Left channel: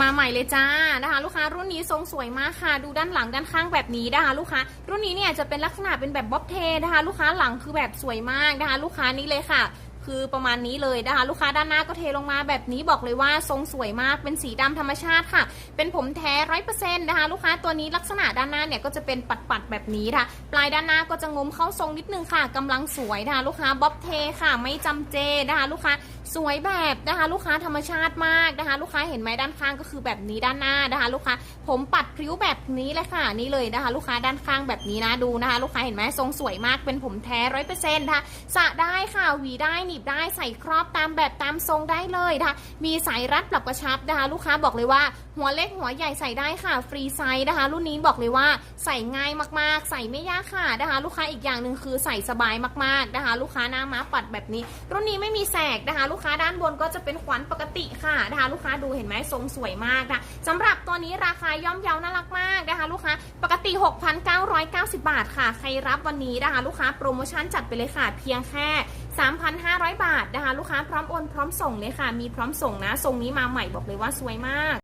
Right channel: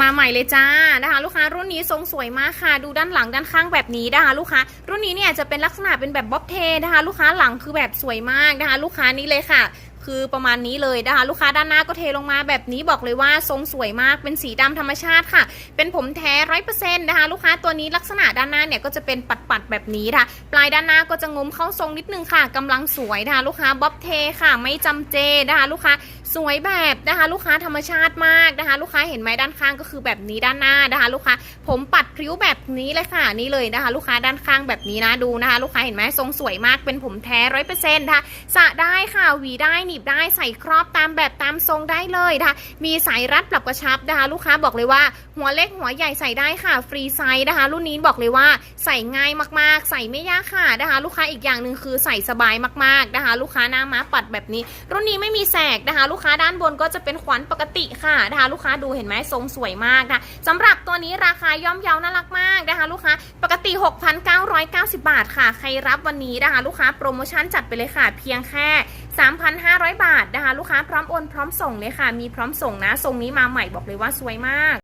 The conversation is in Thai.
มาใหม่เลยจ้านะคะลูกค้ารุ่นนี้ทรงสวยมากค่ะ ดูด้านหลังด้านข้างแบบนี้นะคะลูกค้ารุ่นนี้เนี่ยจะเป็นลักษณะเป็นแบบบ๊อบเทนะคะลูกค้าหลังคือแบบสวยมากนะคะลูกค้านี้เลยค่ะคือประมาณนี้เลยนะคะ ลูกค้าด้านหน้าก็เทลงมาแบบนี้บอกเลยว่าทรงสวยมากเป็นสีดำธรรมชาติค่ะ เป็นผมแท้ร้อยเปอร์เซ็นต์นะคะ ลูกค้าตัวนี้ลักษณะด้านหน้าเนี่ยก็จะเป็นปัดๆแบบนี้ค่ะ ปลายด้านหน้าก็จะงมเข้าทรงนิดนึงค่ะกำลังสวยนะคะ ลูกค้าบ๊อบเทค่ะ ไม่จำเจนะคะ ลูกค้าสวยแบบนะคะ ลูกค้าธรรมชาติมากนะคะ ลูกค้าเห็นไหมด้านข้างก็คือแบบนี้ด้านหน้านะคะ ลูกค้าผมปัดพริ้วแบบนี้เลยค่ะนี่เลยนะคะ ลูกค้าด้านข้างแบบนี้นะดูนะคะ ลูกค้าเห็นไหมทรงสวยมากเป็นผมแท้ร้อยเปอร์เซ็นต์ค่ะสระได้ค่ะหวีได้หนีบได้ใส่ครอบตามแบบตามทรงได้เลยนะคะมีสายรัดปรับกระชับนะคะ ลูกค้าบอกเลยว่า หัวเล็กหัวใหญ่ใส่ได้ค่ะ ฟรีไซส์นะคะ รุ่นนี้บอกเลยว่าใส่ง่ายมากๆ ใส่ไม่ยากค่ะนะคะ ลูกค้าอีกอย่างหนึ่งคือใส่สบายมากๆนะคะ ลูกค้าหน้าม้าปัดแบบนี้ รุ่นนี้ไม่มีแสกนะคะ ลูกค้าด้านบนก็จะเป็นขวัญปกติค่ะนะคะ ลูกค้าดูเห็นไหมทรงสวยมากนะสำหรับตัวนี้ราคาย่อมเยาน่ารักมากนะคะ ลูกค้าปกติ 6,990 บาทค่ะ ใครรับวันนี้นะคะ ลูกค้าโปรโมชั่นจัดไปเลยค่ะ เพียงแค่ 3,500บาทนะคะ ลูกค้าพร้อมโอนพร้อมส่งเลยค่ะ มีพร้อมส่งนะทรงนี้มาใหม่บอกเลยว่าสวยมาก